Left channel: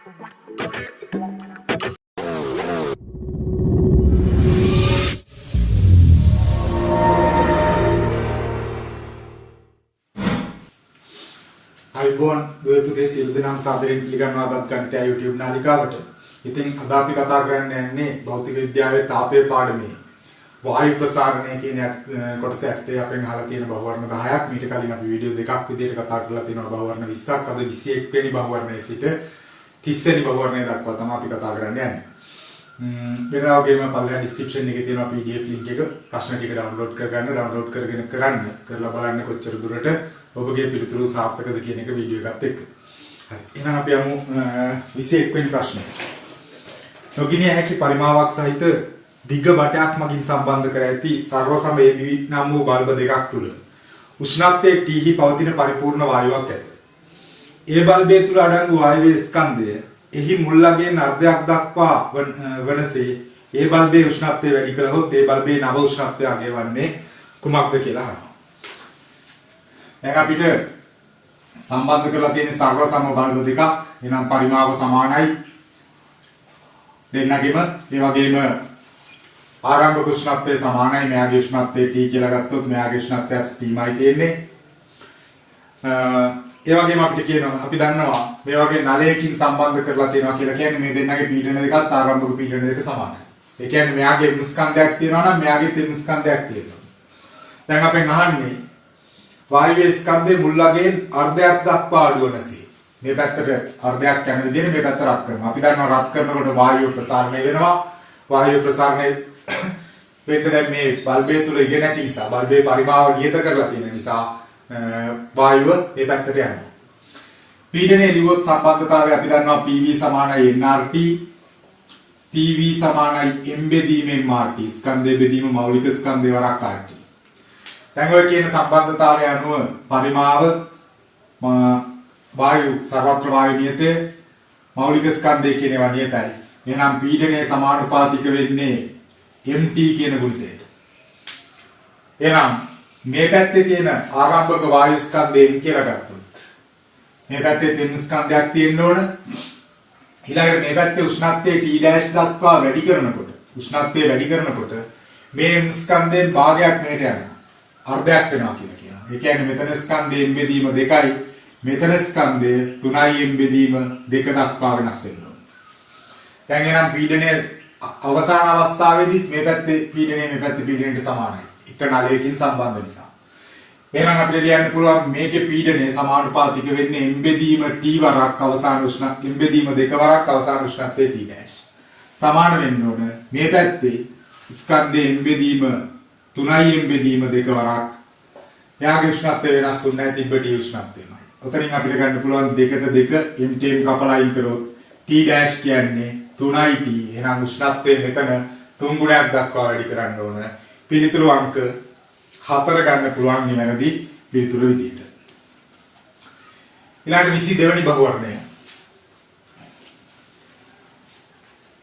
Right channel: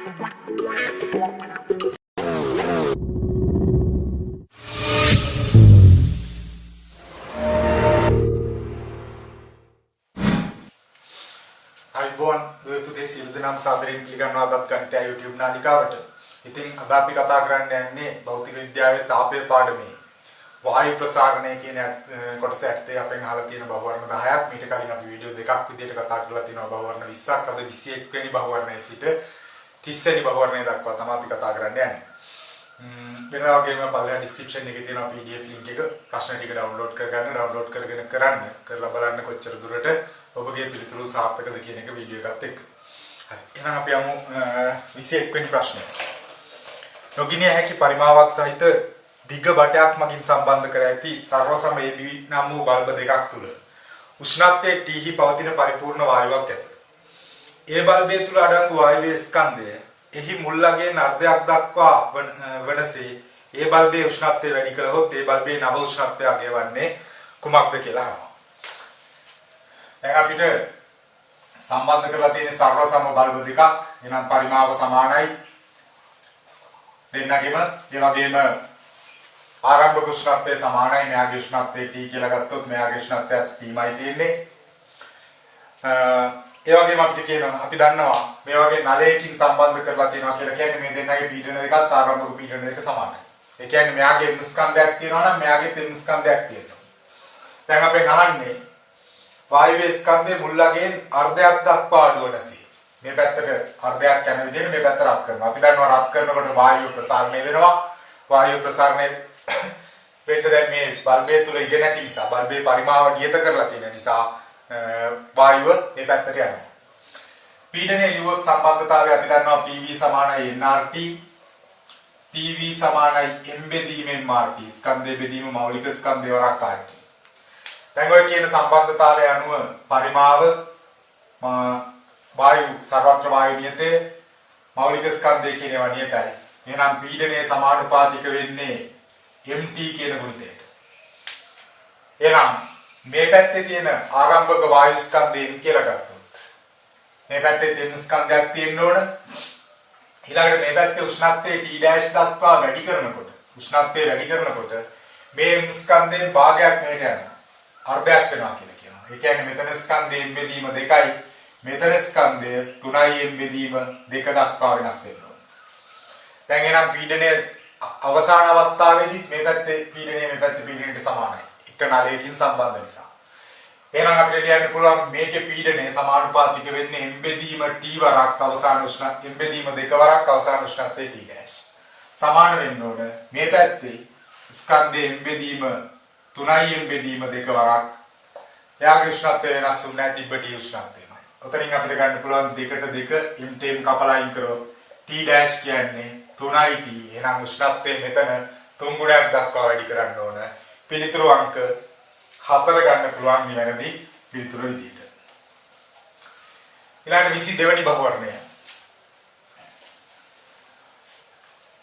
අයිබෝන් දුවපුතේ සියලු දෙනාම සාදරයෙන් පිළිගන්නවා අදත් ගණිතය YouTube නාලිකාවට. ඉතින් අද අපි කතා කරන්න යන්නේ භෞතික විද්‍යාවේ තාපය පාඩමේ වායු ප්‍රසාරණය කියන කොටස ඇත්තේ අපෙන් අහලා තියෙන බහුවර්ණ 10ක්. මීට කලින් අපි වීඩියෝ දෙකක් විදිහට කතා කරලා තියෙනවා බහුවර්ණ 20ක්. අද 21 වෙනි බහුවර්ණයේ සිට 30 වෙනි බහුවර්ණය දක්වා තමයි අපි කතා කරන්න යන්නේ. වෙනදා වගේම පල්ලෙහා description එකේ තියෙනවා PDF link එක. ප්‍රශ්න ටික download කරගන්න. download කරගෙන කරලා බලන්න කොච්චර දුරට ඔබගේ පිළිතුරු සාර්ථකද කියන එක වීඩියෝ එකත් එක්ක. හරි. එහෙනම් අපි යමු 21 වෙනි ප්‍රශ්නයට. නොගිනිය හැකි පරිමාවක් සහිත දිග බටයක් මගින් සම්බන්ධ කර ඇති සර්ව සම AB නම් වූ බල්බ දෙකක් තුල උෂ්ණත්වයේ T හි පවතින පරිපූර්ණ වායුවක් ඇත. ඒ බල්බය තුල අඩංගු වායුවේ ස්කන්ධය එහි මුල් අගයෙන් අර්ධයක් දක්වා වනසේ ඒ බල්බයේ උෂ්ණත්වය වැඩි කළහොත් ඒ බල්බයේ නව උෂ්ණත්වය අගය වන්නේ කුමක්ද කියලා අහනවා. දැන් අපිට සම්බන්ධ කරලා තියෙන සර්ව සම බල්බ දෙකක්. එනම් පරිමාව සමානයි දෙන්නගෙම. ඒ වගේම ආරම්භක උෂ්ණත්වය සමානයි. මෙයාගේ උෂ්ණත්වය T කියලා ගත්තොත් මෙයාගේ උෂ්ණත්වයත් Tමයි තියෙන්නේ. ඒ වගේම අපිට කියනවා අපි දන්නවා මේ වගේ නලයකින් සම්බන්ධ කරලා තියෙනවා කියලා කියන්නේ මේ දෙන්නගේ පීඩන දෙකත් ආරම්භක පීඩන දෙක සමානයි. ඒ කියන්නේ මෙයාගේ M ස්කන්ධයක් තියෙනවා නම් මෙයාගේ M ස්කන්ධයක් තියෙනවා. දැන් අපෙන් අහන්නේ වායුවේ ස්කන්ධයේ මුල් අගයෙන් අර්ධයක් දක්වා අඩු වෙනසී. මේ පැත්තට අර්ධයක් යන විදිහට මේ පැත්ත රත් කරනවා. අපි දන්නවා රත් කරනකොට වායුව ප්‍රසාරණය වෙනවා. වායුව ප්‍රසාරණය වෙන්න දැන් මේ බල්බය තුල ඉගෙන නැති නිසා බල්බේ පරිමාව නියත කරලා තියෙන නිසා වායුව මේ පැත්තට යනවා. පීඩනයේ දිවොත් සම්බන්ධතාවය අපි දන්නවා PV සමානයි nRT, PV සමානයි m බෙදීම mRT. ස්කන්ධයේ බෙදීම මෞලික ස්කන්ධය වරක් RT. දැන් ඔය කියන සම්බන්ධතාවය අනුව පරිමාව වායු සර්වත්‍ර වායු නියතය මෞලික ස්කන්ධය කියන ඒවා නියතයි. එහෙනම් පීඩනයේ සමානුපාතික වෙන්නේ mt කියන ගුණිතයට. එහෙනම් මේ පැත්තේ තියෙන ආරම්භක වායු ස්කන්ධය m කියලා ගත්තොත් මේ පැත්තේ m ස්කන්ධයක් තියෙන්න ඕන. ඊළඟට මේ පැත්තේ උෂ්ණත්වය T' දක්වා වැඩි කරනකොට මේ m ස්කන්ධයෙන් භාගයක් මෙහෙට යනවා. අර්ධයක් වෙනවා කියලා කියනවා. ඒ කියන්නේ මෙතන ස්කන්ධයේ m බෙදීම 2යි මෙතන ස්කන්ධය 3යි m බෙදීම 2 දක්වා වෙනස් වෙනවා. දැන් එහෙනම් පීඩනය අවසාන අවස්ථාවේදී මේ පැත්තේ පීඩනය මේ පැත්තේ පීඩනයට සමානයි. එක නලයකින් සම්බන්ධ නිසා. එහෙනම් අපිට ලියන්න පුළුවන් මේකේ පීඩනය සමානුපාතික වෙන්නේ m බෙදීම T වරක් අවසාන උෂ්ණත්වය m බෙදීම 2 වරක් අවසාන උෂ්ණත්වය T'. සමාන වෙන්න ඕන මේ පැත්තේ ස්කන්ධයේ m බෙදීම 3යි m බෙදීම 2 වරක්. එයාගේ උෂ්ණත්වය වෙනස් වුන්නේ නැහැ තිබ්බ T උෂ්ණත්වයමයි. ඔතනින් අපිට ගන්න පුළුවන් 2ට 2 m ටෙන් කපලා අයින් කරොත් T' කියන්නේ 3යි T. එහෙනම් උෂ්ණත්වය මෙතන 3 ගුණයක් දක්වා වැඩි කරන්න ඕන. පිළිතුරු අංක 4 ගන්න පුළුවන් නිවැරදි පිළිතුරු විදිහට. ඊළඟට 22 වෙනි බහුවර්ණය.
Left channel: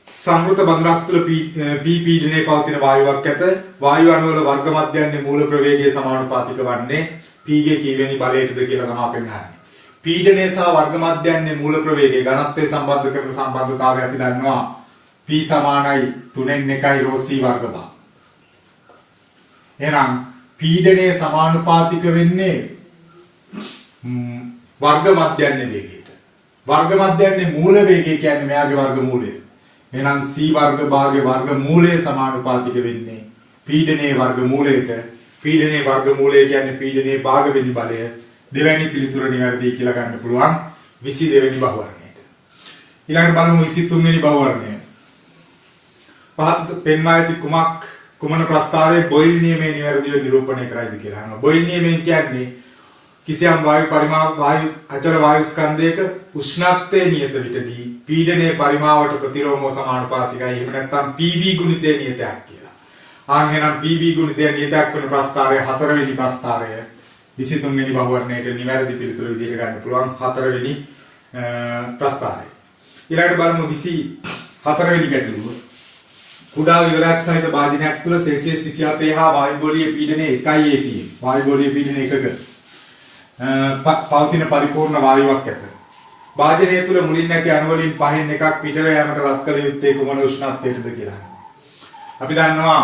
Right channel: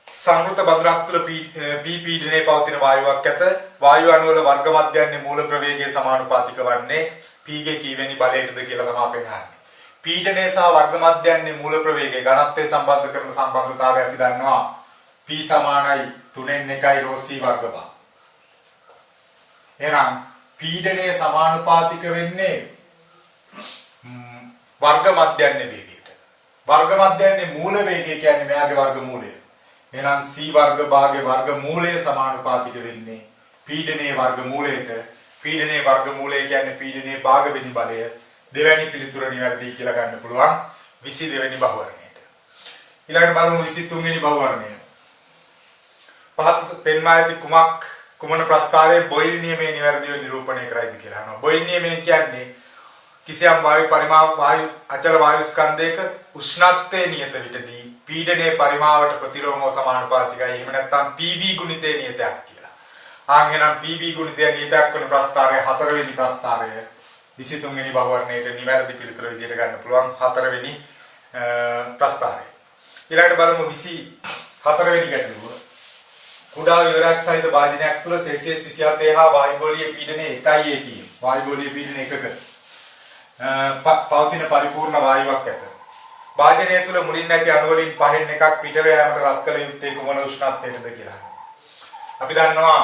සංවෘත බඳුනක් තුළ P පීඩනයේ පවතින වායුවක් ඇත. වායු අණු වල වර්ග මධ්‍යන්නේ මූල ප්‍රවේගයේ සමානුපාතික වන්නේ P ගේ කීවෙනි බලයටද කියලා තමයි අපෙන් අහන්නේ. පීඩනය සහ වර්ග මධ්‍යන්නේ මූල ප්‍රවේගයේ ඝනත්වය සම්බන්ධ කරන සම්බන්ධතාවය අපි දන්නවා. P සමානයි 3න් 1යි ρ c වර්ග බා. එහෙනම් පීඩනයේ සමානුපාතික වෙන්නේ වර්ග මධ්‍යන්නේ වේගයට. වර්ග මධ්‍යන්නේ මූල වේගය කියන්නේ මෙයාගේ වර්ග මූලය. එහෙනම් c වර්ග භාගයේ වර්ග මූලය සමානුපාතික වෙන්නේ පීඩනයේ වර්ග මූලයට. පීඩනයේ වර්ග මූලය කියන්නේ පීඩනයේ භාග වෙනි බලය. දෙවැනි පිළිතුර නිවැරදි කියලා ගන්න පුළුවන් 22 වෙනි බහුවර්ණයට. ඊළඟට බලමු 23 වෙනි බහුවර්ණය. පහත් පෙන්වා ඇති කුමන ප්‍රස්තාවයේ බොයිල් නියමයේ නිවැරදිව නිරූපණය කරයිද කියලා අහනවා. බොයිල් නියමයෙන් කියන්නේ කිසියම් වායු පරිමාව වායු අචල වායු ස්කන්ධයක උෂ්ණත්වයේ නියත විටදී පීඩනයේ පරිමාවට ප්‍රතිලෝමව සමානුපාතිකයි. එහෙම නැත්නම් PV ගුණිතයේ නියතයක් කියලා. එහෙනම් PV ගුණිතය නියතයක් වන ප්‍රස්තාවය 4 වෙනි ප්‍රස්තාවය 23 වෙනි බහුවර්ණයට නිවැරදි පිළිතුර විදිහට ගන්න පුළුවන් 4 වෙනි ප්‍රස්තාවය. ඊළඟට බලමු 24 වෙනි ගැටලුව. කුඩා විවරයක් සහිත භාජනයක් තුළ සෙල්සියස් 27 හා වායුගෝලීය පීඩනය 1යි atm. වායුගෝලීය පීඩනය 1ක පවතින පරිපූර්ණ වායුවක් ඇත. වාජනය තුල මුලින් නැති අණු වලින් පහෙන් එකක් පිටව යාමට රත් කළ යුත්තේ කුමන උෂ්ණත්වයටද කියලා. අපි දන්නවා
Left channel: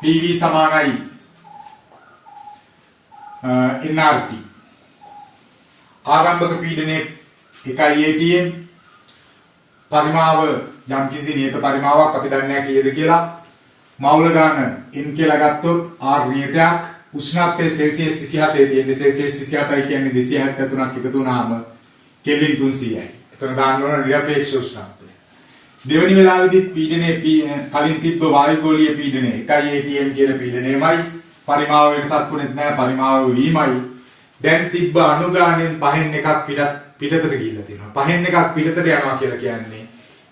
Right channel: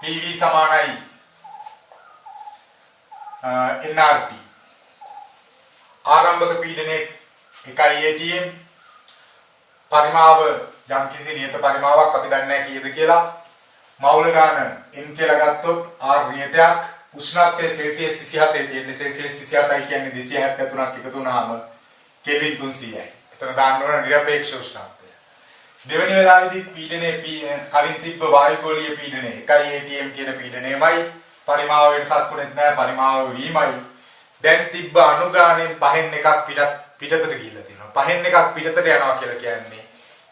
PV සමානයි nRT. ආරම්භක පීඩනයේ 1 atm පරිමාව යම්කිසි නියත පරිමාවක් අපි දන්නේ නැහැ කීයද කියලා. මවුල ගාන n කියලා ගත්තොත් r නියතයක් උෂ්ණත්වය සෙල්සියස් 27 තියෙන්නේ. සෙල්සියස් 27යි කියන්නේ 273ක් එකතු වුණාම කෙල්වින් 300යි. එතන දාන්න ඕන නිරපේක්ෂ උෂ්ණත්වය. දෙවෙනි වෙලාවේදීත් පීඩනයේ කලින් තිබ්බ වායුගෝලීය පීඩනය 1 atm කියන පීඩනයමයි. පරිමාව වෙනසක් වුණෙත් නැහැ. පරිමාව වීමයි. දැන් තිබ්බ අණු ගානෙන් පහෙන් එකක් පිටතට ගිහිල්ලා තියෙනවා. පහෙන් එකක් පිටතට යනවා කියලා කියන්නේ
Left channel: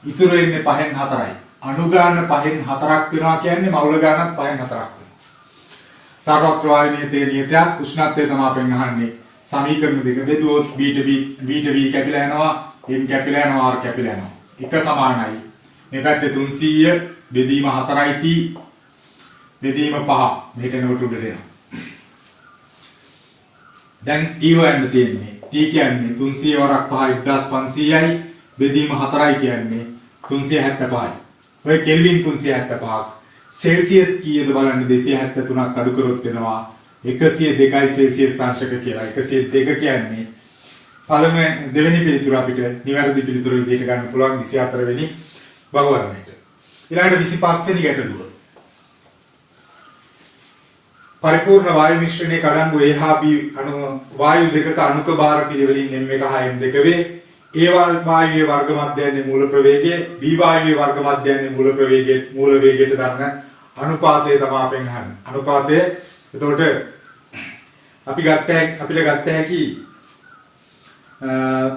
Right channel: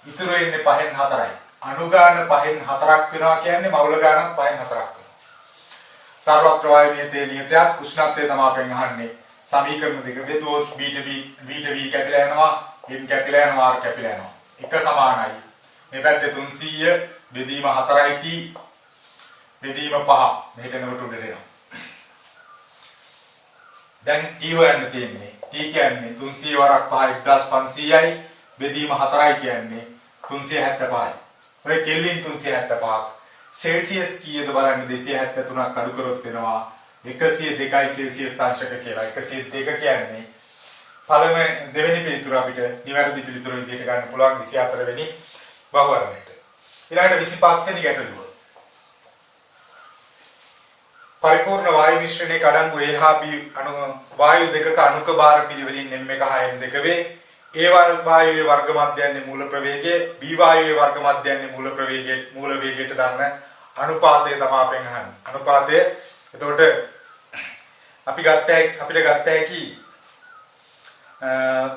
ඉතුරු වෙන්නේ පහෙන් 4යි. අණු ගාන පහෙන් 4ක් වෙනවා කියන්නේ මවුල ගානක් පහෙන් 4ක් වෙනවා. සර්වත්‍ර වායු නියතේ නියතයක් උෂ්ණත්වය තමයි අපෙන් අහන්නේ. සමීකරණ දෙක බෙදුවොත් v කැපිලා යනවා, m කැපිලා යනවා, r කැපිලා යනවා. එක සමානයි. මේ පැත්තේ 300 බෙදීම 4යි t බෙදීම 5. මෙහෙට එනකොට උඩට එනවා. දැන් t හොයන්න තියෙන්නේ. t කියන්නේ 300 වරක් 5 1500යි බෙදීම 4යි කියන්නේ 375යි. ඔය කෙල්වින් 375ක්. සෙල්සියස් කීයද බලන්න 273ක් අඩු කරොත් වෙනවා 102යි සෙල්සියස් අංශක කියලා. 102 කියන්නේ දෙවෙනි පිළිතුර අපිට නිවැරදි පිළිතුර විදිහට ගන්න පුළුවන් 24 වෙනි බහුවර්ණයට. ඊළඟට 25 වෙනි ගැටලුව. පරිපූර්ණ වායු මිශ්‍රණයේ කඩංගු A හා B වායු දෙකක අණුක භාර පිළිවෙලින් m1 හා m2 වේ. A වායුවේ වර්ග මධ්‍යයන්නේ මූල ප්‍රවේගය, B වායුවේ වර්ග මධ්‍යයන්නේ මූල වේගයට දරන අනුපාතය තමයි අපෙන් අහන්නේ. අනුපාතය එතකොට අපිට ගත්ත හැකි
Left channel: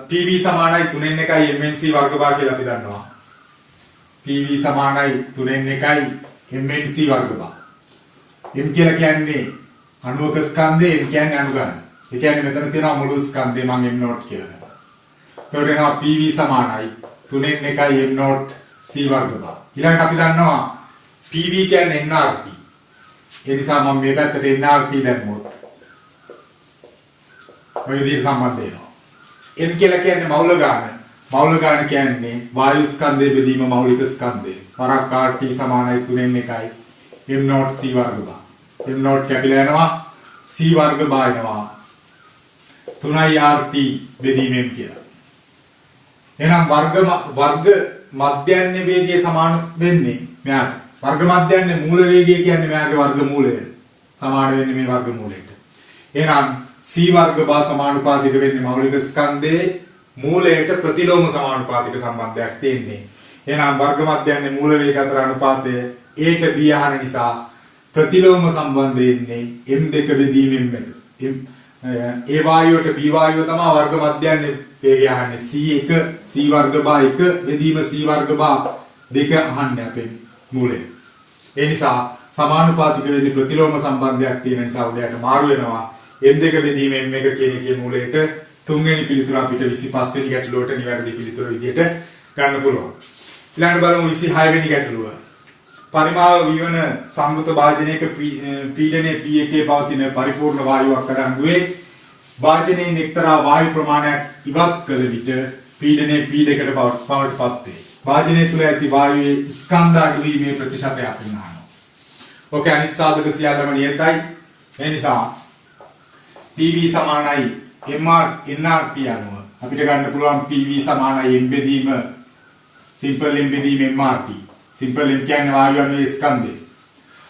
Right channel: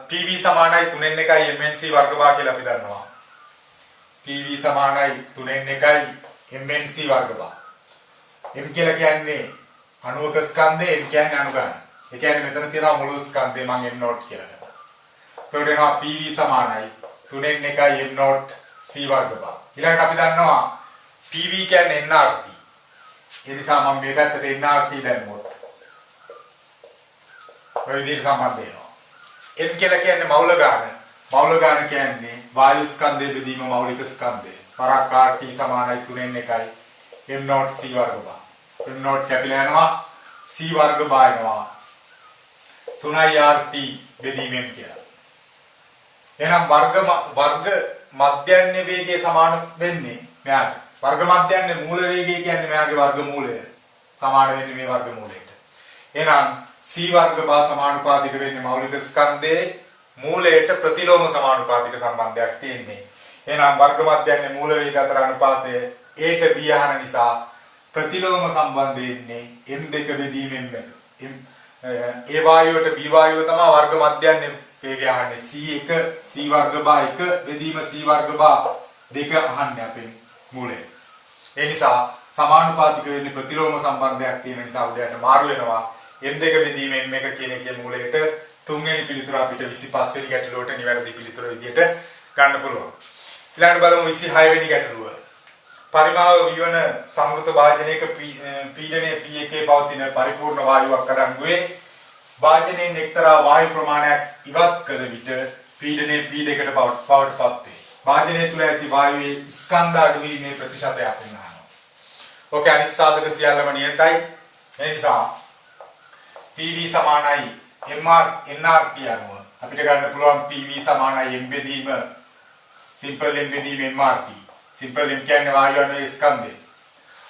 PV සමානයි 3n 1යි MNC වර්ග භාග කියලා අපි දන්නවා. PV සමානයි 3n 1යි MNC වර්ග භාග. M කියලා කියන්නේ අණුවක ස්කන්ධය, M කියන්නේ අණු ගන්න. ඒ කියන්නේ මෙතන තියෙනවා මුළු ස්කන්ධය මම M නෝට් කියලා ගන්නවා. එතකොට එනවා PV සමානයි 3n 1යි M නෝට් C වර්ග භාග. ඊළඟට අපි දන්නවා PV කියන්නේ nRT. ඒ නිසා මම මේ පැත්තට nRT දැම්මොත් මේ විදිහට සම්බන්ධ වෙනවා. M කියලා කියන්නේ මවුල ගාන. මවුල ගාන කියන්නේ වායු ස්කන්ධයේ බෙදීම මෞලික ස්කන්ධය. වරක් RT සමානයි 3n 1යි M නෝට් C වර්ග භාග. M නෝට් කැපිලා යනවා C වර්ග භාග එනවා 3i RT බෙදීම M කියලා. එහෙනම් වර්ග මධ්‍යන්නේ වේගයේ සමාන වෙන්නේ මෙයාට. වර්ග මධ්‍යන්නේ මූල වේගය කියන්නේ මෙයාගේ වර්ග මූලය. සමාන වෙන්නේ මේ වර්ග මූලයට. එහෙනම් C වර්ග බා සමානුපාතික වෙන්නේ මෞලික ස්කන්ධයේ මූලයට ප්‍රතිලෝම සමානුපාතික සම්බන්ධයක් තියෙන්නේ. එහෙනම් වර්ග මධ්‍යන්නේ මූල වේග අතර අනුපාතය A ට B අහන නිසා ප්‍රතිලෝම සම්බන්ධය ඉන්නේ M2 බෙදීමෙන් මෙන්න. A වායුවට B වායුව තමයි වර්ග මධ්‍යන්නේ වේගය අහන්නේ. C1 C වර්ග බා 1 බෙදීම C වර්ග බා 2 අහන්නේ අපේ මූලය. ඒ නිසා සමානුපාතික වෙන්නේ ප්‍රතිලෝම සම්බන්ධයක් තියෙන නිසා උඩයට මාරු වෙනවා. M2 බෙදීම M1 කියන එකේ මූලයට තුන්වෙනි පිළිතුර අපිට 25 වෙනි ගැටලුවට නිවැරදි පිළිතුර විදියට ගන්න පුළුවන්. ඊළඟට බලමු 26 වෙනි ගැටලුව. පරිමාව විවන සංවෘත භාජනයක පීඩනය P1 පවතින පරිපූර්ණ වායුවක් අඩංගුවේ භාජනයෙන් එක්තරා වායු ප්‍රමාණයක් ඉවත් කළ විට පීඩනය P2ට බවට පත් වේ. භාජනය තුළ ඇති වායුවේ ස්කන්ධ අඩු වීමේ ප්‍රතිශතයක් වෙනවා. ඕකේ අනිත් සාධක සියල්ලම නියතයි. ඒ නිසා PV සමානයි nRT අනුව අපිට ගන්න පුළුවන් PV සමානයි M බෙදීම simple M බෙදීම mRT. simple M කියන්නේ වායු අණුවේ ස්කන්ධය.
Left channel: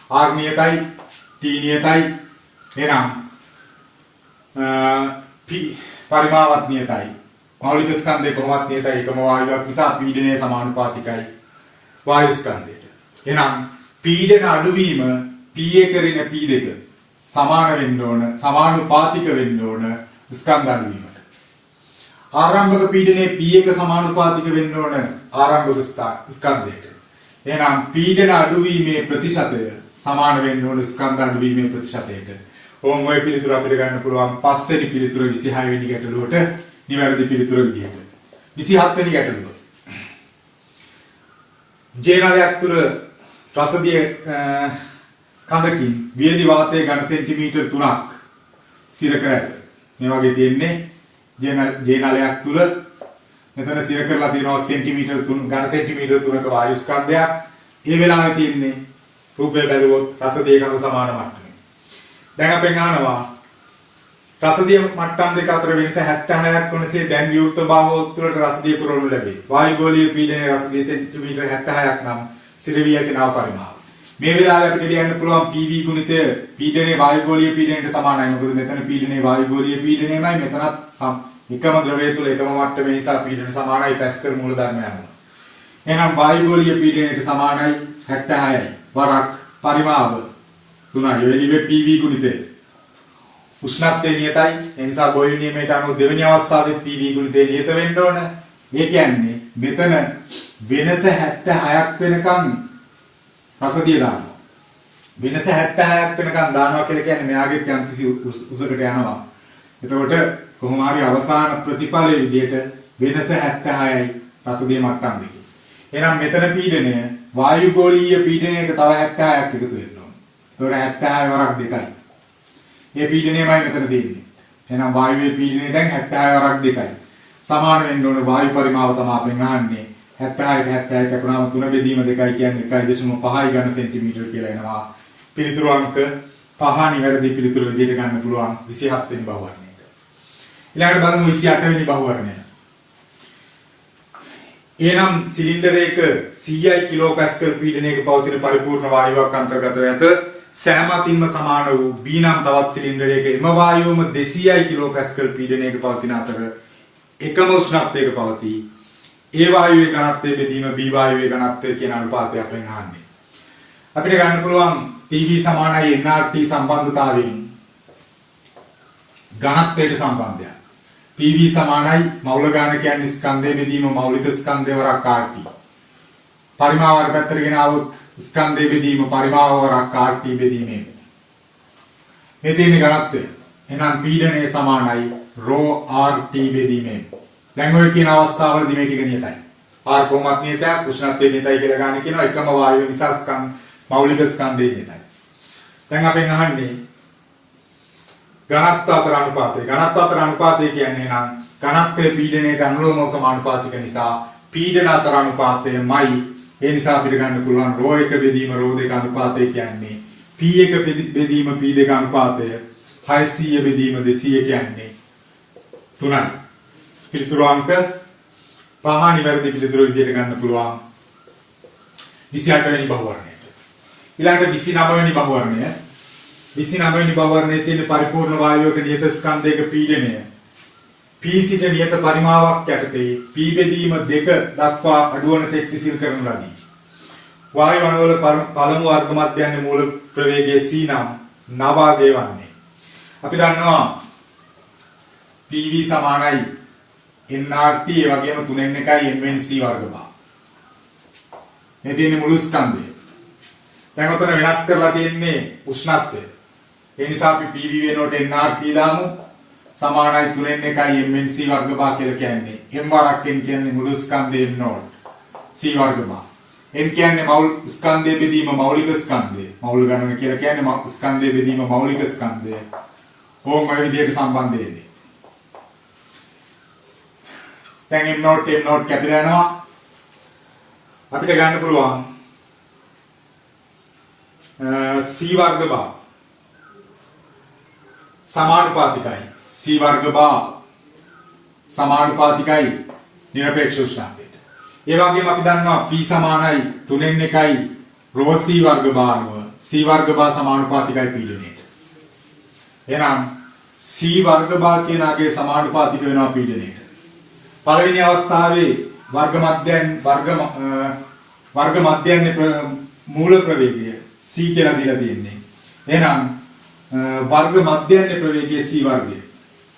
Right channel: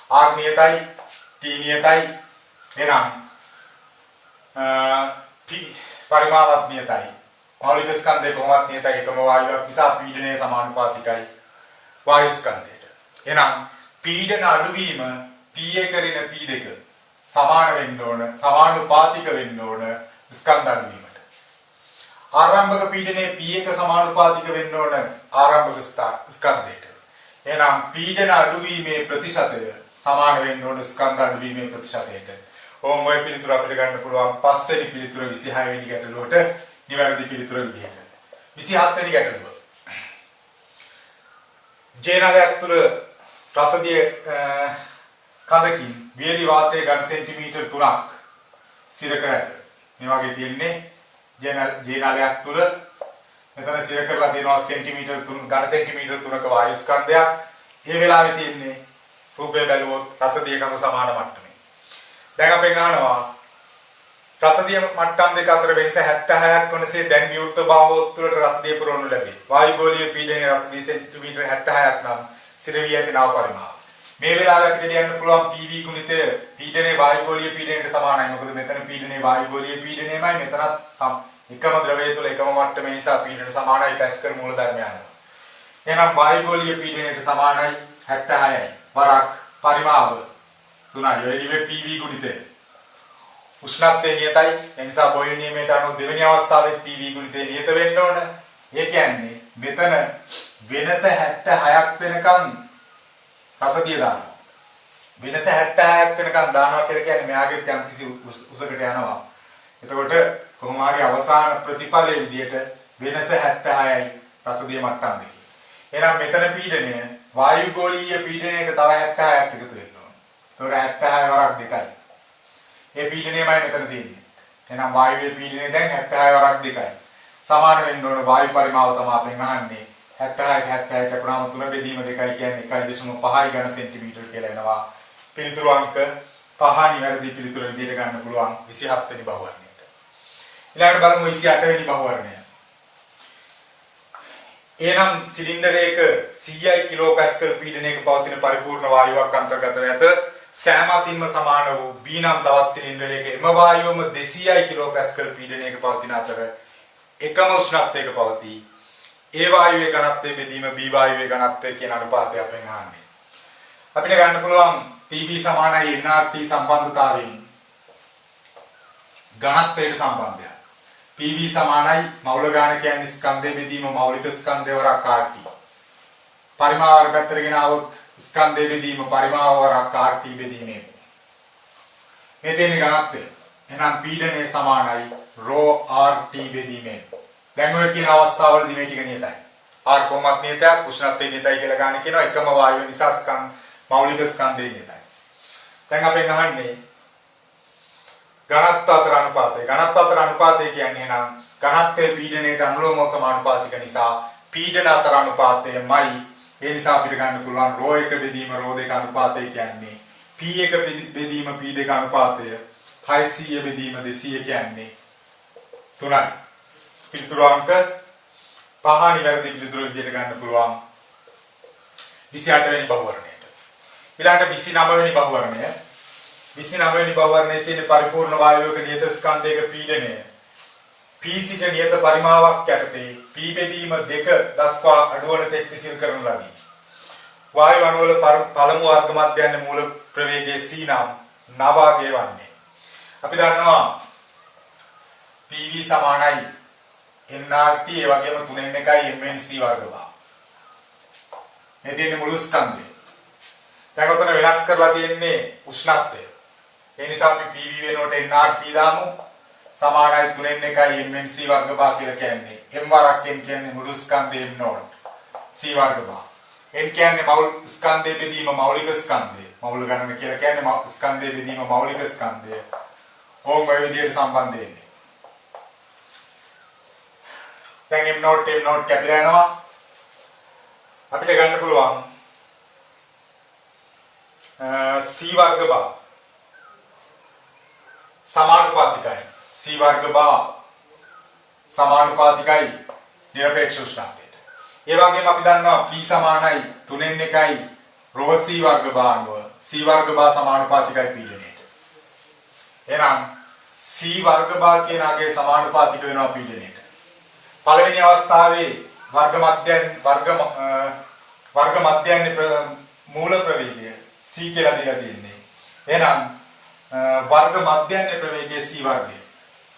R නියතයි, T නියතයි. එහෙනම් පරිමාවත් නියතයි. මෞලික ස්කන්ධය කොහොමත් නියතයි. එකම වායුවක් නිසා පීඩනය සමානුපාතිකයි වායු ස්කන්ධයට. එහෙනම් පීඩන අඩුවීම P1 ඍණ P2 සමාන වෙන්න ඕන, සමානුපාතික වෙන්න ඕන ස්කන්ධ අඩුවීමට. ආරම්භක පීඩනයේ P1 සමානුපාතික වෙන්න ඕන ආරම්භක ස්කන්ධයට. එහෙනම් පීඩන අඩුවීමේ ප්‍රතිශතය සමාන වෙන්න ඕන ස්කන්ධ අඩුවීමේ ප්‍රතිශතයට. ඕම් ඔය පිළිතුර අපිට ගන්න පුළුවන් පස්වෙනි පිළිතුර 26 වෙනි ගැටලුවට නිවැරදි පිළිතුර විදිහට. 27 වෙනි ගැටලුව. ජේනලයක් තුල රසදිය කඳකින් වියලි වාතයේ ඝන සෙන්ටිමීටර් 3ක් සිර කර ඇත. මේ වගේ තියෙන්නේ J නලයක් තුල මෙතන සිර කරලා තියෙනවා සෙන්ටිමීටර් 3 ඝන සෙන්ටිමීටර් 3ක වායු ස්කන්ධයක්. මේ වෙලාවේ තියෙන්නේ රූපය බැලුවොත් රසදිය කඳ සමාන මට්ටමේ. දැන් අපෙන් අහනවා රසදිය මට්ටම් දෙක අතර වෙනස 76ක් වනසේ දැන් විවෘත භාවෝත් තුළට රසදිය පුරවනු ලැබේ. වායුගෝලීය පීඩනයේ රසදිය සෙන්ටිමීටර් 76ක් නම් සිර වී ඇති නව පරිමාව. මේ වෙලාවේ අපිට ලියන්න පුළුවන් PV ගුණිතය පීඩනයේ වායුගෝලීය පීඩනයට සමානයි. මොකද මෙතන පීඩනයේ වායුගෝලීය පීඩනයමයි මෙතනත් එකම ද්‍රවය තුළ එකම මට්ටමේ නිසා පීඩන සමානයි පැස්කල් මූලධර්ම යනවා. එහෙනම් වායුගෝලීය පීඩනයට සමානයි 76යි. වරක් පරිමාව 3යි. ඔය ලිවේ PV ගුණිතය. උෂ්ණත්වය නියතයි. ඒ නිසා බොයිල් නියමයට අනුව දෙවෙනි අවස්ථාවේ PV ගුණිතය නියත වෙන්න ඕන. ඒ කියන්නේ මෙතන වෙනස 76ක් වෙනකන් රසදිය දානවා. වෙනස 76ක් වෙනකන් දානවා කියලා කියන්නේ මෙයාගෙත් යම් කිසි උසකට යනවා. එතකොට කොහොම හරි අවසාන ප්‍රතිඵලයේ විදිහට වෙනස 76යි රසදිය මට්ටම් දෙකේ. එහෙනම් මෙතන පීඩනය වායුගෝලීය පීඩනයට තව 76ක් එකතු වෙන්න ඕන. ඒකට 76 වරක් දෙකයි. මේ පීඩනයමයි මෙතන තියෙන්නේ. එහෙනම් වායුවේ පීඩනය දැන් 76 වරක් දෙකයි. සමාන වෙන්න ඕන වායු පරිමාව තමයි අපෙන් අහන්නේ. 76ට 76 කැපුණාම 3 බෙදීම 2යි කියන්නේ 1.5 ඝන සෙන්ටිමීටර කියලා එනවා. පිළිතුරු අංක 5 නිවැරදි පිළිතුරු විදිහට ගන්න පුළුවන් 27 වෙනි බහුවර්ණයට. ඊළඟට බලමු 28 වෙනි බහුවර්ණය. එනම් සිලින්ඩරයක 100යි කිලෝපැස්කල් පීඩනයක පවතින පරිපූර්ණ වායුවක් අන්තර්ගතව ඇත. සෑම අතින්ම සමාන වූ B නම් තවත් සිලින්ඩරයක එම වායුවම 200යි කිලෝපැස්කල් පීඩනයක පවතින අතර එකම උෂ්ණත්වයක පවතී. ඒ වායුවේ ඝනත්වය බෙදීම B වායුවේ ඝනත්වය කියන අනුපාතය අපෙන් අහන්නේ. අපිට ගන්න පුළුවන් PV සමානයි nRT සම්බන්ධතාවයෙන් ඝනත්වයට සම්බන්ධයක්. PV සමානයි මෞල ගාන කියන්නේ ස්කන්ධය බෙදීම මෞලික ස්කන්ධය වරක් RT. පරිමාව වර පැත්තට ගෙන આવොත් ස්කන්ධය බෙදීම පරිමාව වරක් RT බෙදීමේ. මේ තියෙන ඝනත්වය. එහෙනම් පීඩනය සමානයි ρ RT බෙදීමෙන්. දැන් ඔය කියන අවස්ථාවලදී මේ ටික නියතයි. R කොහොමත් නියතයක් උෂ්ණත්වය නියතයි කියලා ගන්න කියනවා එකම වායුව නිසා මෞලික ස්කන්ධය නියතයි. දැන් අපෙන් අහන්නේ ඝනත්ව අතර අනුපාතය. ඝනත්ව අතර අනුපාතය කියන්නේ නම් ඝනත්වයේ පීඩනයට අනුලෝම සමානුපාතික නිසා පීඩන අතර අනුපාතයමයි. ඒ නිසා අපිට ගන්න පුළුවන් ρ1 බෙදීම ρ2 අනුපාතය කියන්නේ P1 බෙදීම P2 අනුපාතය 600 බෙදීම 200 කියන්නේ 3යි. පිළිතුරු අංක 5 නිවැරදි පිළිතුරු විදිහට ගන්න පුළුවන් 28 වෙනි බහුවර්ණයට. ඊළඟට 29 වෙනි බහුවර්ණය. 29 වෙනි බහුවර්ණයේ තියෙන පරිපූර්ණ වායුවක නියත ස්කන්ධයක පීඩනය P සිට නියත පරිමාවක් යටතේ P බෙදීම 2 දක්වා අඩුවන තෙක් සිසිල් කරනු ලදී. වායු අණුවල පළමු වර්ග මධ්‍යයන් මූල ප්‍රවේගයේ C නම් නවාගේ වන්නේ. අපි දන්නවා PV සමානයි nRT ඒ වගේම 3n එකයි mnc වර්ග බා. මේ තියෙන්නේ මුළු ස්කන්ධය. දැන් ඔතන වෙනස් කරලා තියෙන්නේ උෂ්ණත්වය. ඒ නිසා අපි PV වෙනුවට nRT දාමු. සමානයි 3n එකයි mnc වර්ග බා කියලා කියන්නේ. m වරක් n කියන්නේ මුළු ස්කන්ධය m නෝට්. c වර්ග බා. n කියන්නේ ස්කන්ධය බෙදීම මෞලික ස්කන්ධය. මෞල ගණන කියලා කියන්නේ ස්කන්ධය බෙදීම මෞලික ස්කන්ධය. ඕම් ඔය විදිහට සම්බන්ධ වෙන්නේ. දැන් m නෝට් කැපිලා යනවා. අපිට ගන්න පුළුවන් c වර්ග බා සමානුපාතිකයි. c වර්ග බා සමානුපාතිකයි නිරපේක්ෂ උෂ්ණත්වයට. ඒ වගේම අපි දන්නවා p සමානයි 3n එකයි ρ c වර්ග බා අනුව c වර්ග බා සමානුපාතිකයි පීඩනයට. එහෙනම් c වර්ග බා කියන අගේ සමානුපාතික වෙනවා පීඩනයට. පළවෙනි අවස්ථාවේ වර්ග මධ්‍යයන් මූල ප්‍රවේගය c කියලා දීලා තියෙන්නේ. එහෙනම් වර්ග මධ්‍යයන් ප්‍රවේගයේ c වර්ගය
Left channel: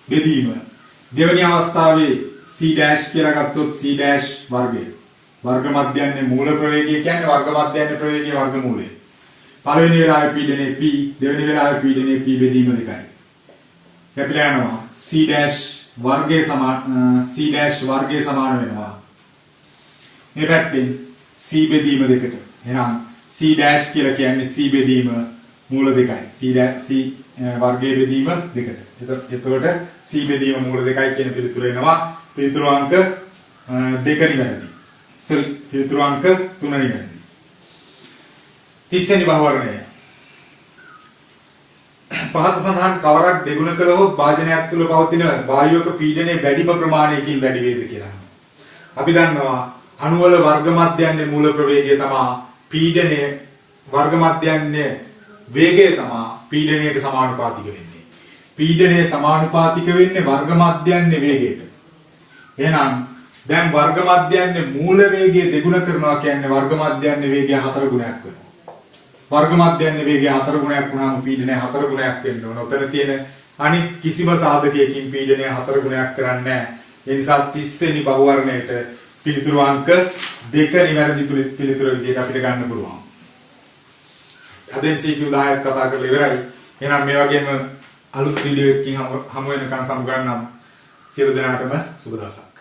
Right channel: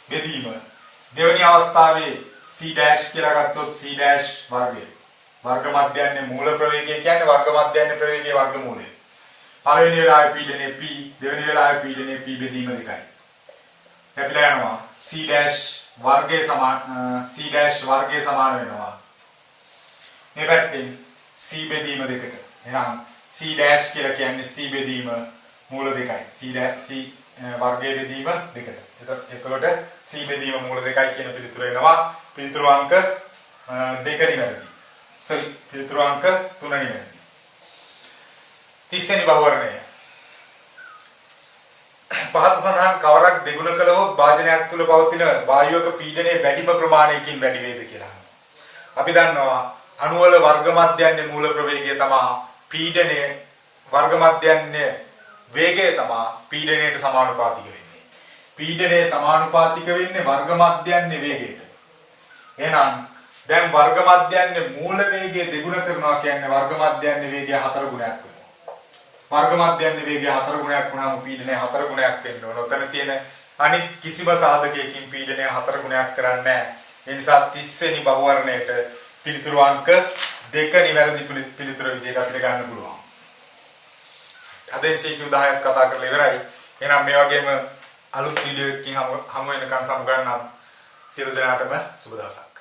බෙදීම දෙවෙනි අවස්ථාවේ c ඩෑෂ් කියලා ගත්තොත් c ඩෑෂ් වර්ගය. වර්ග මධ්‍යයන් මූල ප්‍රවේගය කියන්නේ වර්ග මධ්‍යයන් ප්‍රවේගයේ වර්ගමූලය. පළවෙනි වෙලාවේ පීඩනයේ p දෙවෙනි වෙලාවේ පීඩනයේ p බෙදීම 2යි. කැපිලා යනවා c ඩෑෂ් වර්ගයේ සමාන වෙනවා. මේ පැත්තෙන් c බෙදීම 2ට. එහෙනම් c ඩෑෂ් කියලා කියන්නේ c බෙදීම මූල දෙකයි. C වර්ගයේ බෙදීම දෙකට. එතකොට C බෙදීම මූල දෙකයි කියන පිළිතුර එනවා. පිළිතුරු අංක 2 නිවැරදි. පිළිතුරු අංක 3 නිවැරදි. 30 වෙනි බහුවර්ණය. පහත සඳහන් කවරක් දෙගුණ කළහොත් වාජනයක් තුල පවතින වායුවක පීඩනයේ වැඩිම ප්‍රමාණයකින් වැඩි වේද කියලා. අපි දන්නවා අණු වල වර්ග මධ්‍යන්නේ මූල ප්‍රවේගය තමයි පීඩනයේ වර්ග මධ්‍යන්නේ වේගය තමයි පීඩනයට සමානුපාතික වෙන්නේ. පීඩනයේ සමානුපාතික වෙන්නේ වර්ග මධ්‍යන්නේ වේගයට. එහෙනම් දැන් වර්ග මධ්‍යන්නේ මූල වේගය දෙගුණ කරනවා කියන්නේ වර්ග මධ්‍යන්නේ වේගය 4 ගුණයක් වෙනවා. වර්ග මධ්‍යන්නේ වේගය 4 ගුණයක් වුණාම පීඩනය 4 ගුණයක් වෙන්න ඕන. උතන තියෙන අනිත් කිසිම සාධකයකින් පීඩනය 4 ගුණයක් කරන්නේ නැහැ. ඒ නිසා 30 වෙනි බහුවර්ණයට පිළිතුරු අංක 2 නිවැරදි පිළිතුර විදිහට අපිට ගන්න පුළුවන්. අද MCQ 10ක් කතා කරලා ඉවරයි. එහෙනම් මේ වගේම අලුත් වීඩියෝ එකකින් හමු වෙනකන් සමු ගන්නම්. සියලු දෙනාටම සුබ දවසක්.